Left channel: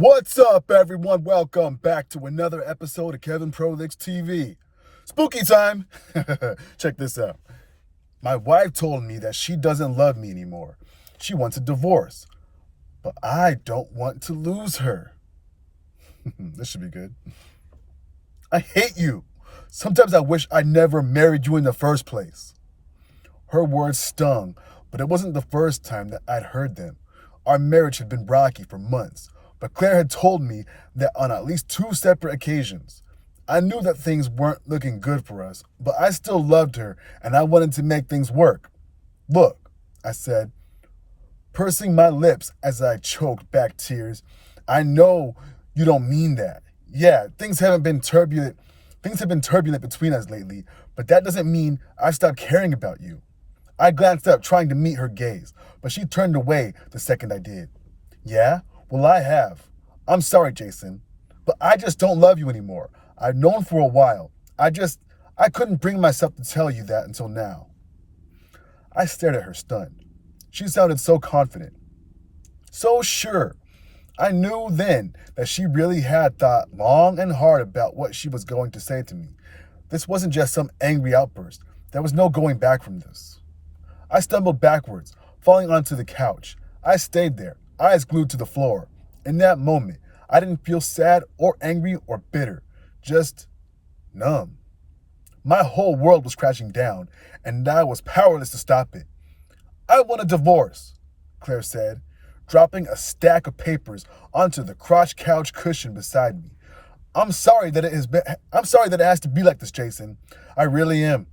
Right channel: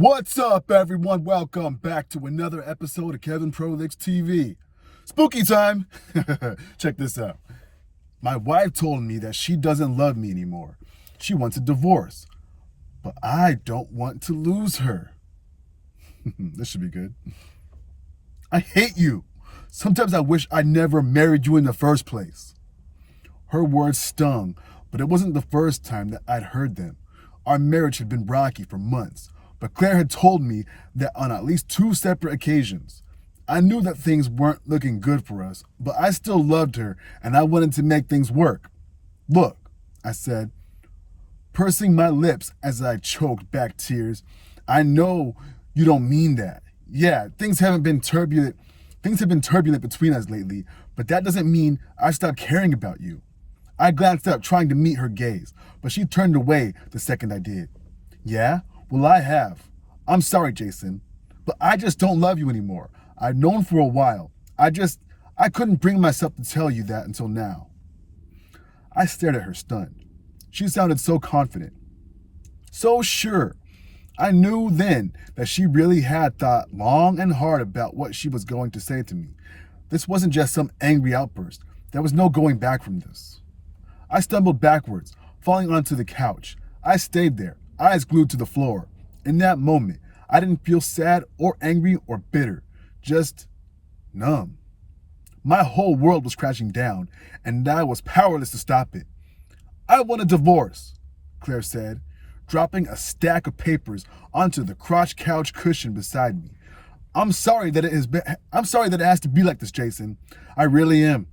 What's up, everyone? Welcome back to another episode of Kevin Prolic's TV. Spooky time! Check this out. My wife told me that she doesn't love me anymore. She wants a divorce. But I don't want to lose her. This should be good. I hate you. Sometimes I wish I never married you in the first place. Her words stung, but it wasn't the first time that I'd heard them. Our marriage had been rocky for months. But Claire had told me that on at least 2 separate occasions. I knew that things weren't looking good for us, but I still loved her and I wanted to make things work. Look, I said, pursing my lips as I choked back tears, I know you don't mean that. Yeah, things have been turbulent between us lately, but that doesn't mean I've stopped caring about you. I glanced up trying to meet her gaze, but she turned away the second I did. Yeah? Well, I have. I'm sorry, Jason, but I just don't love you anymore. I've known for a while. I couldn't bring myself to tell you that until now. I stared at her stunned. She sounded so confident, so sure. I knew then that she really had thought long and hard about what she was going to say to me. This wasn't just some angry outburst. There was no going back from this. I stumbled backwards, falling onto the couch. I stayed there, eyes glued to the floor. In that moment, I didn't feel sad or angry or bitter, just numb. My whole world was crashing down, and I was powerless to stop it. I want a divorce, Claire said, dropping a stack of papers onto the crotch couch cushion beside me. I'm sorry that it has to be like this, Jason. I really am.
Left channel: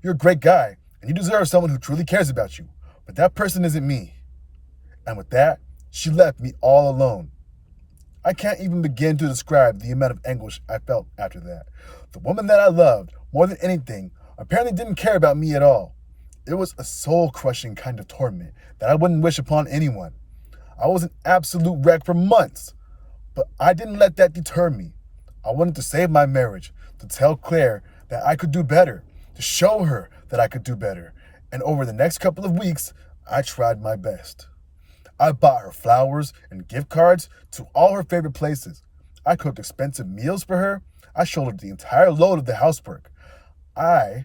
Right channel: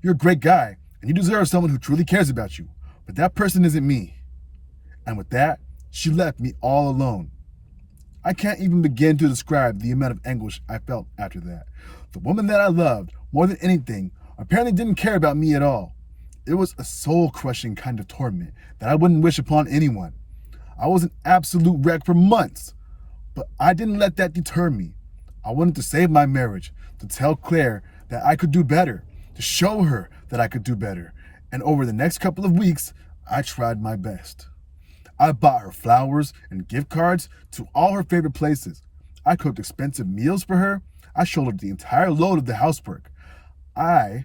You're a great guy, and you deserve someone who truly cares about you, but that person isn't me. And with that, she left me all alone. I can't even begin to describe the amount of anguish I felt after that. The woman that I loved more than anything apparently didn't care about me at all. It was a soul-crushing kind of torment that I wouldn't wish upon anyone. I was an absolute wreck for months, but I didn't let that deter me. I wanted to save my marriage, to tell Claire that I could do better, to show her that I could do better. And over the next couple of weeks, I tried my best. I bought her flowers and gift cards to all her favorite places. I cooked expensive meals for her. I shouldered the entire load of the housework. I,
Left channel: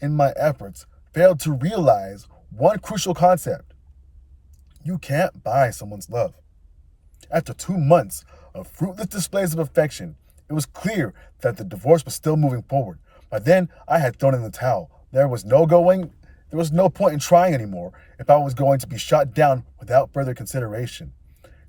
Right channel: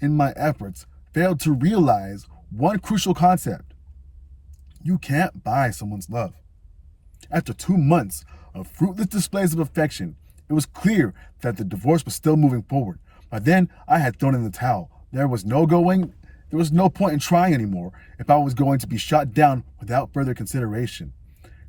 in my efforts, failed to realize one crucial concept. You can't buy someone's love. After 2 months of fruitless displays of affection, it was clear that the divorce was still moving forward. By then, I had thrown in the towel. There was no point in trying anymore if I was going to be shot down without further consideration.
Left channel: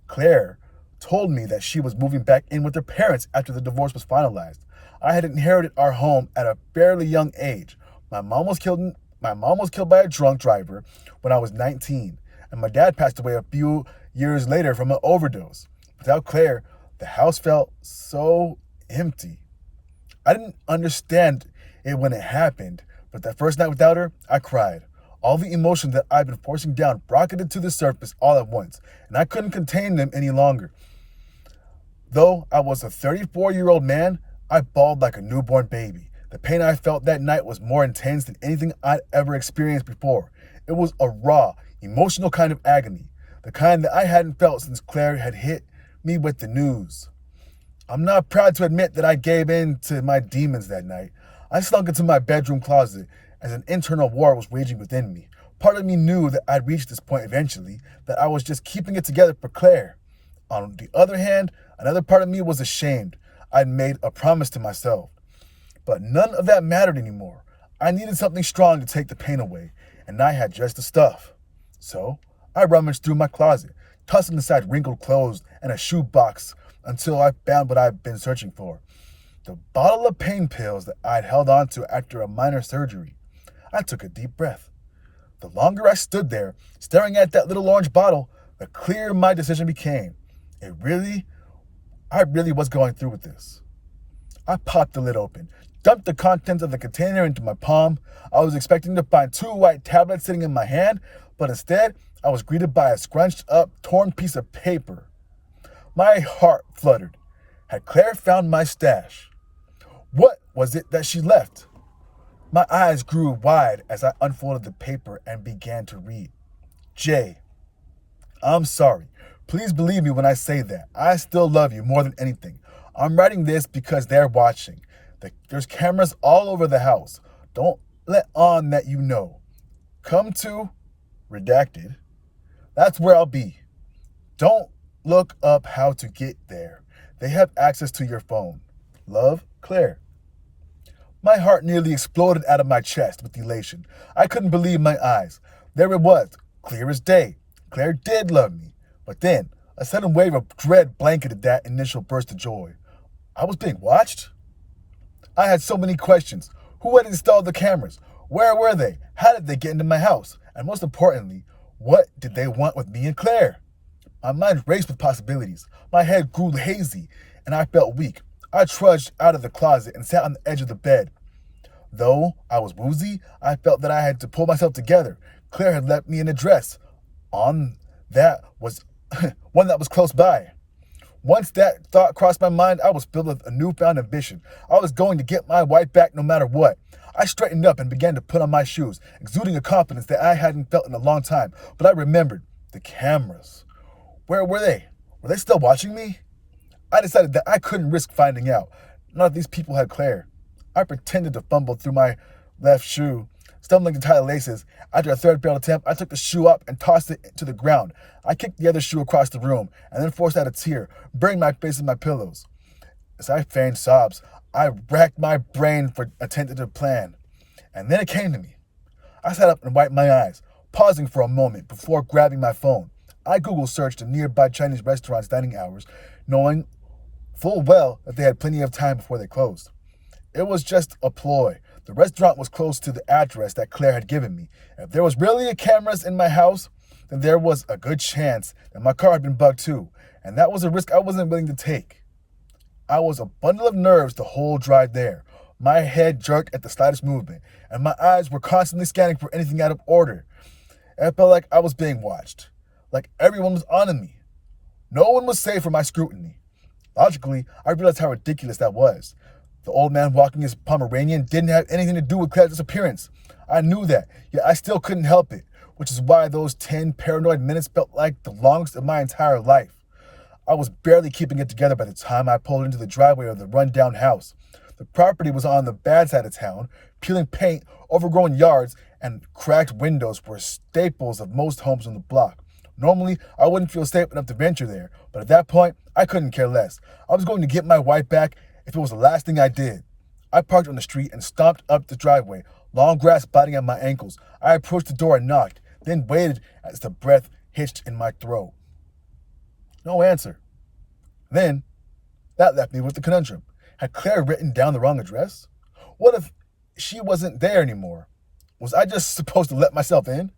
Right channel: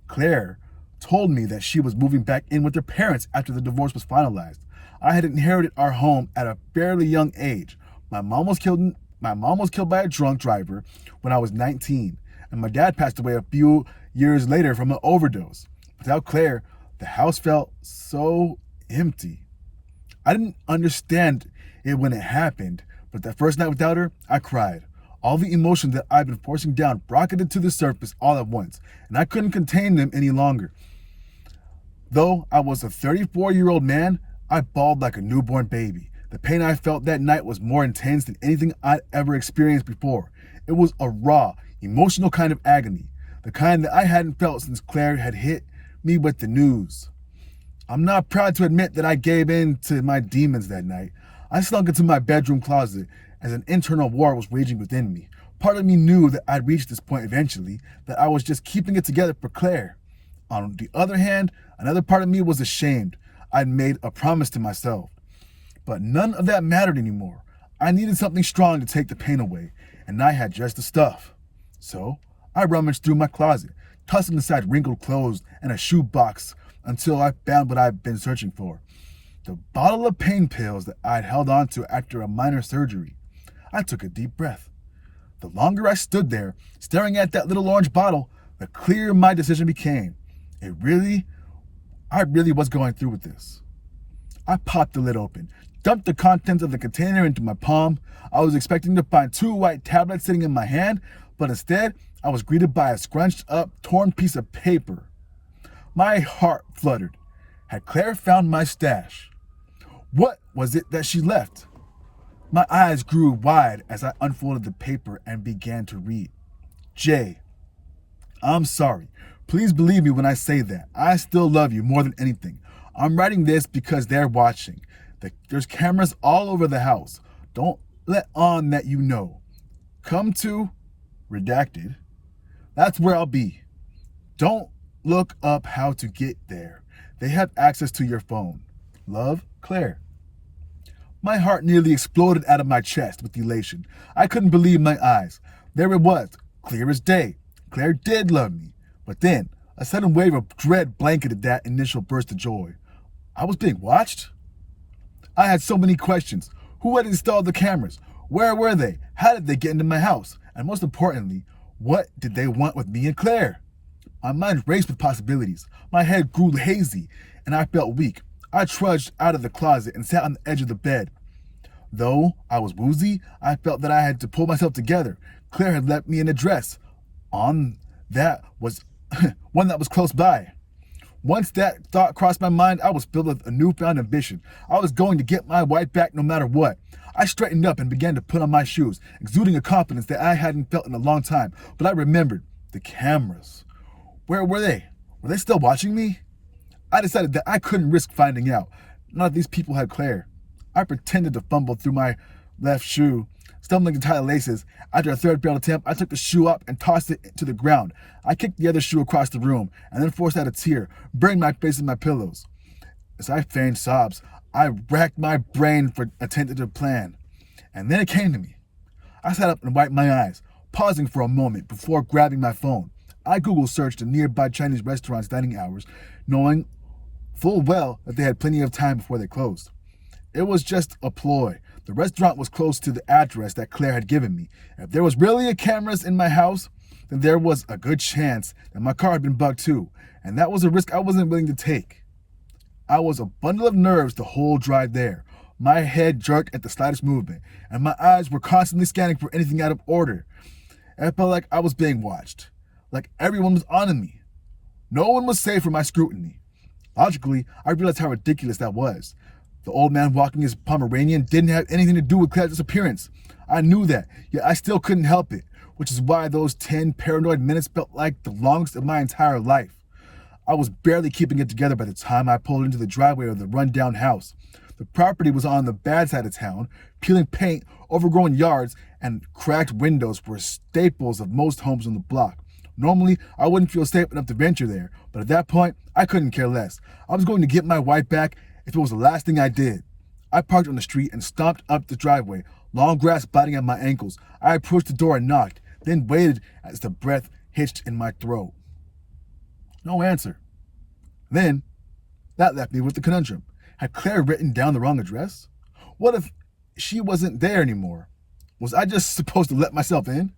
Claire told me that she was moving back in with her parents after the divorce was finalized. I had inherited our home at a fairly young age. My mom was killed by a drunk driver when I was 19, and my dad passed away a few years later from an overdose. Without Claire, the house felt so empty. I didn't understand it when it happened, but that first night without her, I cried. All the emotions that I'd been forcing down rocketed to the surface all at once, and I couldn't contain them any longer. Though I was a 34-year-old man, I bawled like a newborn baby. The pain I felt that night was more intense than anything I'd ever experienced before. It was a raw, emotional kind of agony, the kind that I hadn't felt since Claire had hit me with the news. I'm not proud to admit that I gave in to my demons that night. I slunk into my bedroom closet as an internal war was raging within me. Part of me knew that I'd reach this point eventually, that I was just keeping it together for Claire. On the other hand, another part of me was ashamed. I'd made a promise to myself. But none of that mattered anymore. I needed something strong to take the pain away, and I had just the stuff. So I rummaged through my closet, tossing aside wrinkled clothes and a shoe box until I found what I'd been searching for. The bottle of pain pills that I'd held onto after a minor surgery. I took a deep breath. The longer I stood there, staring at that little orange bottle, the clearer my decision became. I really was going through with this. I popped the lid open, dumped the contents of the container into my palm. I was expecting to find 2 white tablets sitting in my hand, but instead, I was greeted by a scrunched up, torn piece of paper. My heart fluttered. Had Claire found my stash? What was it that she left? My eyes grew wide as I unfolded the paper and began to read. Jay, I'm sorry. Please believe me when I say that. I still love you more than anything. I'm writing this because they're watching. There's cameras all over the house. Don't let on that you know. Come to, redacted. That's where I'll be. Don't look up how to get there. They have access to your phone. Love, Claire. My heart nearly exploded out of my chest with elation. I couldn't believe my eyes. There it was, clear as day. Claire did love me. But then, a sudden wave of dread blanketed that initial burst of joy. I was being watched? I had so many questions. Who had installed the cameras? Where were they? How did they get into my house? And most importantly, what did they want with me and Claire? My mind raced with possibilities. My head grew hazy, and I felt weak. I trudged out of the closet and sat on the edge of the bed. Though I was woozy, I felt that I had to pull myself together. Claire had left me an address on that was one that was close by. Once that thought crossed my mind, I was filled with a newfound ambition. I was going to get my wife back no matter what. I straightened up and began to put on my shoes, exuding a confidence that I hadn't felt in a long time. But I remembered the cameras. Where were they? Were they still watching me? I decided that I couldn't risk finding out. None of these people had Claire. I pretended to fumble through my left shoe, stumbling to tie the laces. After a third failed attempt, I took the shoe up and tossed it to the ground. I kicked the other shoe across the room and then forced out a tear, burying my face in my pillows. As I feigned sobs, I racked my brain for a tentative plan. And then it came to me. I sat up and wiped my eyes, pausing for a moment before grabbing my phone. I Google searched the nearby Chinese restaurant's dining hours, knowing full well that they had plenty of time before they closed. It was just a ploy. The restaurant was close to the address that Claire had given me. If there was really cameras in my house, then there was a good chance that my car had been bugged too, and that was a risk I wasn't willing to take. I was a bundle of nerves the whole drive there. My head jerked at the slightest movement, and my eyes were constantly scanning for anything out of order. It felt like I was being watched, like everyone was on me. No one was safe from my scrutiny. Logically, I realized how ridiculous that was. The old man walking his Pomeranian didn't have anything to do with Claire's disappearance. I knew that, yet I still couldn't help it, which is why those 10 paranoid minutes felt like the longest of my entire life. I was barely keeping it together by the time I pulled into the driveway of the rundown house. The property was on the bad side of town. Peeling paint, overgrown yards, and cracked windows were staples of most homes on the block. Normally, I wouldn't feel safe enough to venture there, but at that point, I couldn't care less. I was going to get my wife back if it was the last thing I did. I parked on the street and stomped up the driveway, long grass biting at my ankles. I approached the door and knocked, then waited as the breath hitched in my throat. No answer. Then, that left me with the conundrum. Had Claire written down the wrong address? What if she wasn't there anymore? Was I just supposed to let myself in?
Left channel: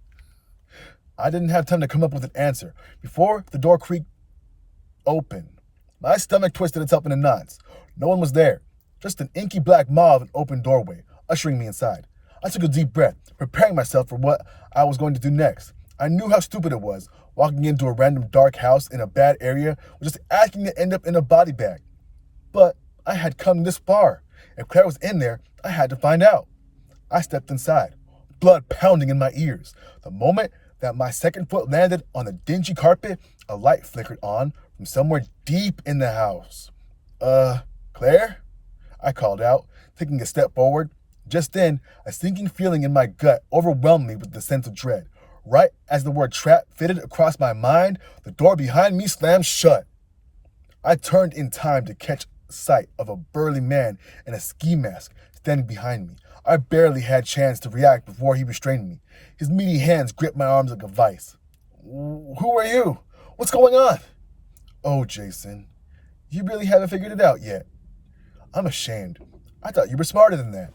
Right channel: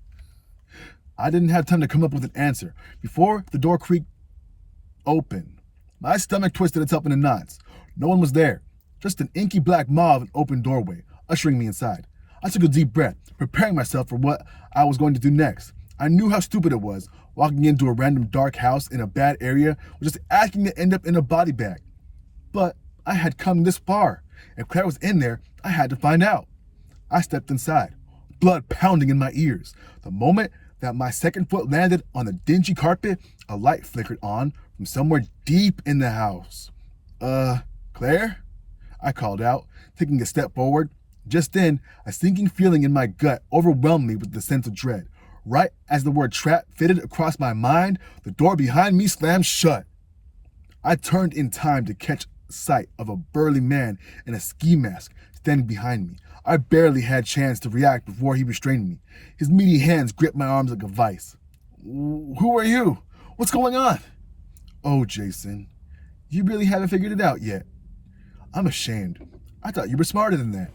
I didn't have time to come up with an answer. Before the door creaked open, my stomach twisted itself into knots. No one was there. Just an inky black maw of an open doorway, ushering me inside. I took a deep breath, preparing myself for what I was going to do next. I knew how stupid it was. Walking into a random dark house in a bad area was just asking to end up in a body bag. But I had come this far. If Claire was in there, I had to find out. I stepped inside, blood pounding in my ears. The moment that my second foot landed on the dingy carpet, a light flickered on from somewhere deep in the house. Claire? I called out, taking a step forward. Just then, a sinking feeling in my gut overwhelmed me with the sense of dread. Right as the word trap fitted across my mind, the door behind me slammed shut. I turned in time to catch sight of a burly man in a ski mask standing behind me. I barely had a chance to react before he restrained me. His meaty hands gripped my arms like a vice. Who are you? What's going on? Oh, Jason, you really haven't figured it out yet. I'm ashamed. I thought you were smarter than that.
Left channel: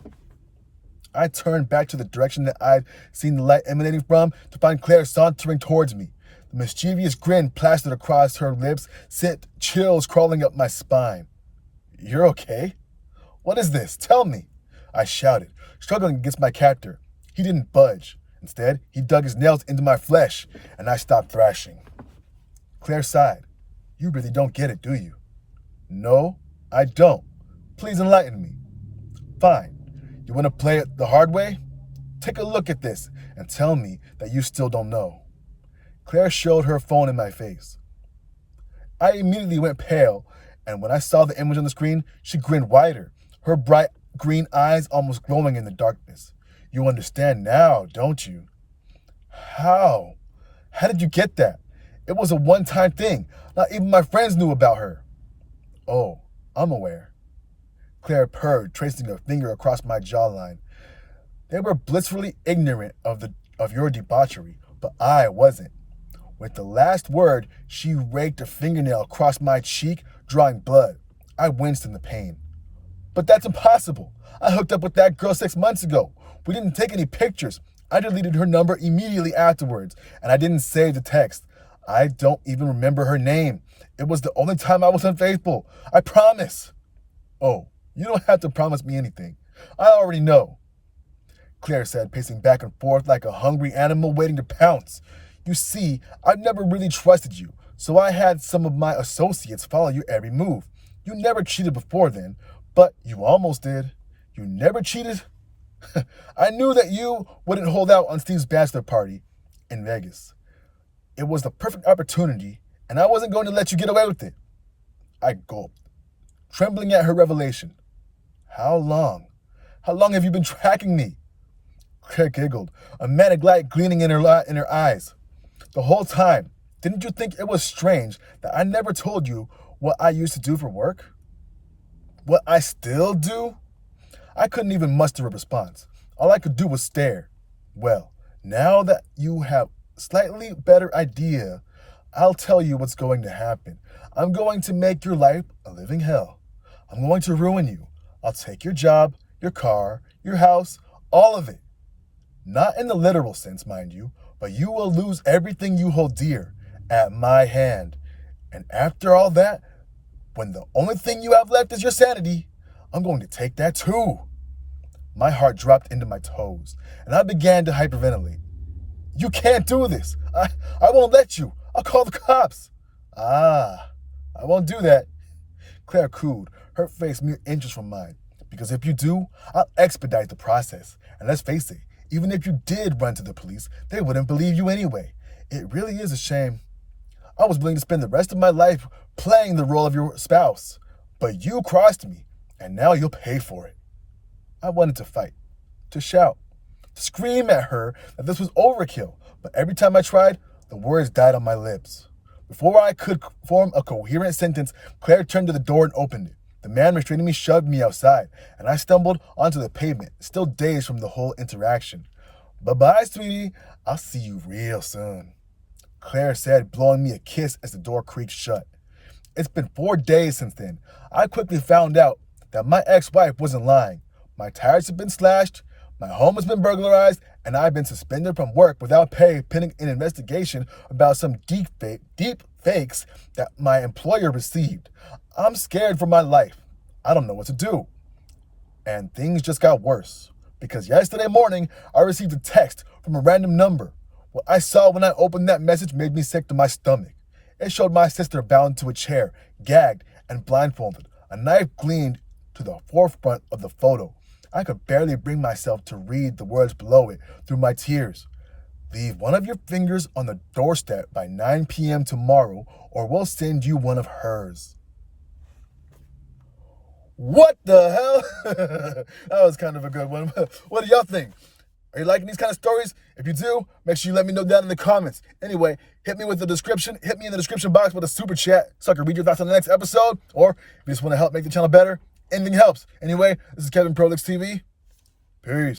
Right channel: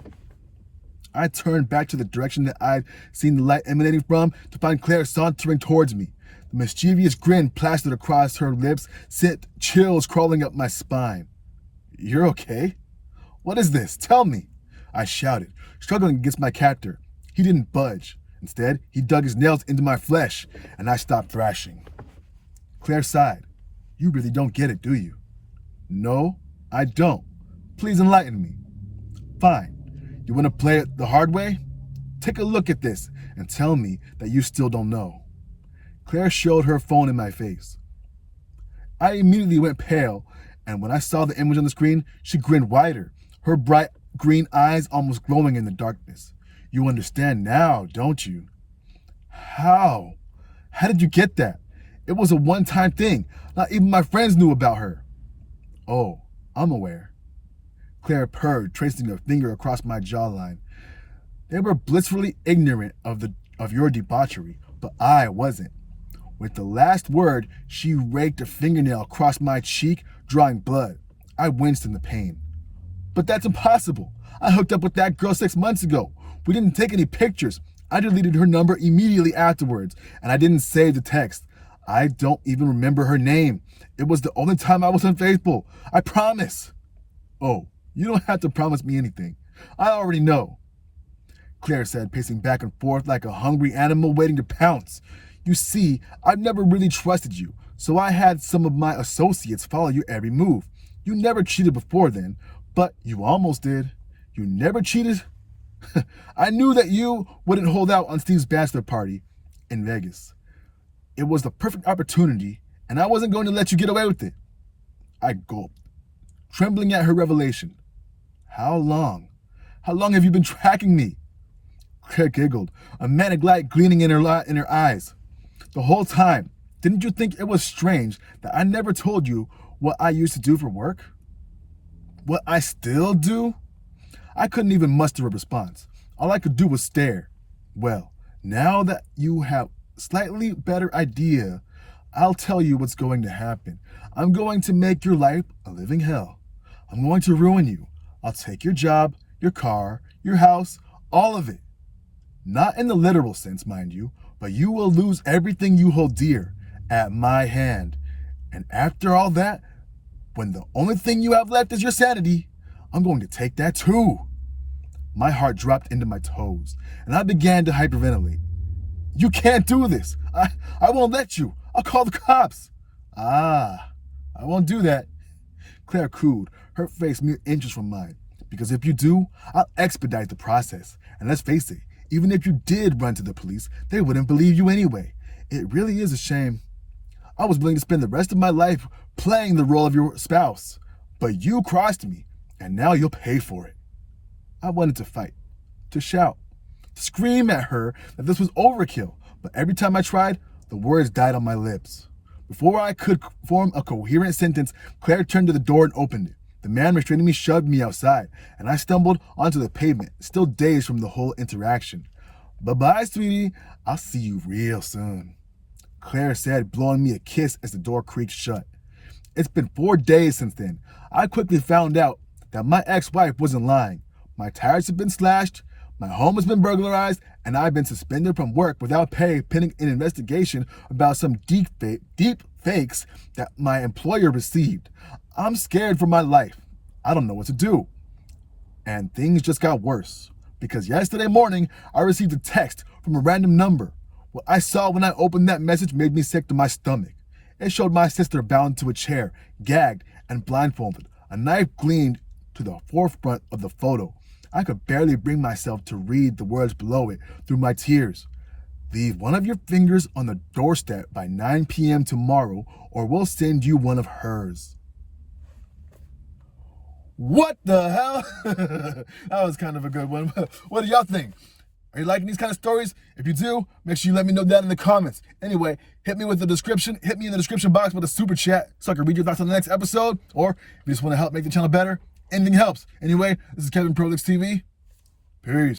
I turned back to the direction that I'd seen the light emanating from to find Claire sauntering towards me. The mischievous grin plastered across her lips sent chills crawling up my spine. You're okay? What is this? Tell me, I shouted, struggling against my captor. He didn't budge. Instead, he dug his nails into my flesh, and I stopped thrashing. Claire sighed. You really don't get it, do you? No, I don't. Please enlighten me. Fine. You want to play it the hard way? Take a look at this and tell me that you still don't know. Claire showed her phone in my face. I immediately went pale, and when I saw the image on the screen, she grinned wider, her bright green eyes almost glowing in the darkness. You understand now, don't you? How? How did you get that? It was a one-time thing. Not even my friends knew about her. Oh, I'm aware. Claire purred, tracing a finger across my jawline. They were blissfully ignorant of your debauchery, but I wasn't. With the last word, she raked a fingernail across my cheek, drawing blood. I winced in the pain. But that's impossible. I hooked up with that girl 6 months ago. We didn't take any pictures. I deleted her number immediately afterwards, and I didn't save the text. I don't even remember her name. It was the only time I was unfaithful. I promise. Oh, you don't have to promise me anything. I already know, Claire said, pacing back and forth like a hungry animal waiting to pounce. You see, I've never really trusted you, so I had some of my associates follow your every move. You never cheated before then, but you almost did. You never cheated? I knew that you wouldn't hold out on Steve's bachelor party in Vegas. It was the perfect opportunity, and I wasn't going to let you get away with it. I gulped, trembling at her revelation. How long? How long have you been tracking me? Claire giggled, a manic light gleaming in her eyes. The whole time, didn't you think it was strange that I never told you what I used to do for work? What I still do? I couldn't even muster a response. All I could do was stare. Well, now that you have a slightly better idea, I'll tell you what's going to happen. I'm going to make your life a living hell. I'm going to ruin you. I'll take your job, your car, your house, all of it. Not in the literal sense, mind you, but you will lose everything you hold dear at my hand. And after all that, when the only thing you have left is your sanity, I'm going to take that too. My heart dropped into my toes, and I began to hyperventilate. You can't do this. I won't let you. I'll call the cops. I won't do that. Claire cooed, her face mere inches from mine. Because if you do, I'll expedite the process. And let's face it, even if you did run to the police, they wouldn't believe you anyway. It really is a shame. I was willing to spend the rest of my life playing the role of your spouse. But you crossed me, and now you'll pay for it. I wanted to fight, to shout, to scream at her that this was overkill. But every time I tried, the words died on my lips. Before I could form a coherent sentence, Claire turned to the door and opened it. The man restraining me shoved me outside, and I stumbled onto the pavement, still dazed from the whole interaction. Bye-bye, sweetie. I'll see you real soon, Claire said, blowing me a kiss as the door creaked shut. It's been 4 days since then. I quickly found out that my ex-wife wasn't lying. My tires have been slashed, my home has been burglarized, and I've been suspended from work without pay pending an investigation about some deep fakes that my employer received. I'm scared for my life. I don't know what to do. And things just got worse, because yesterday morning I received a text from a random number. What I saw when I opened that message made me sick to my stomach. It showed my sister bound to a chair, gagged and blindfolded. A knife gleamed to the forefront of the photo. I could barely bring myself to read the words below it through my tears. Leave one of your fingers on the doorstep by 9 p.m. tomorrow, or we'll send you one of hers. What the hell? That was kind of a good one. What do y'all think? Are you liking these kind of stories? If you do, make sure you let me know down in the comments. Anyway, hit me in the description box with a super chat so I can read your thoughts on the next episode. Or if you just want to help make the channel better, anything helps. Anyway, this is Kevin Prolix TV. Peace.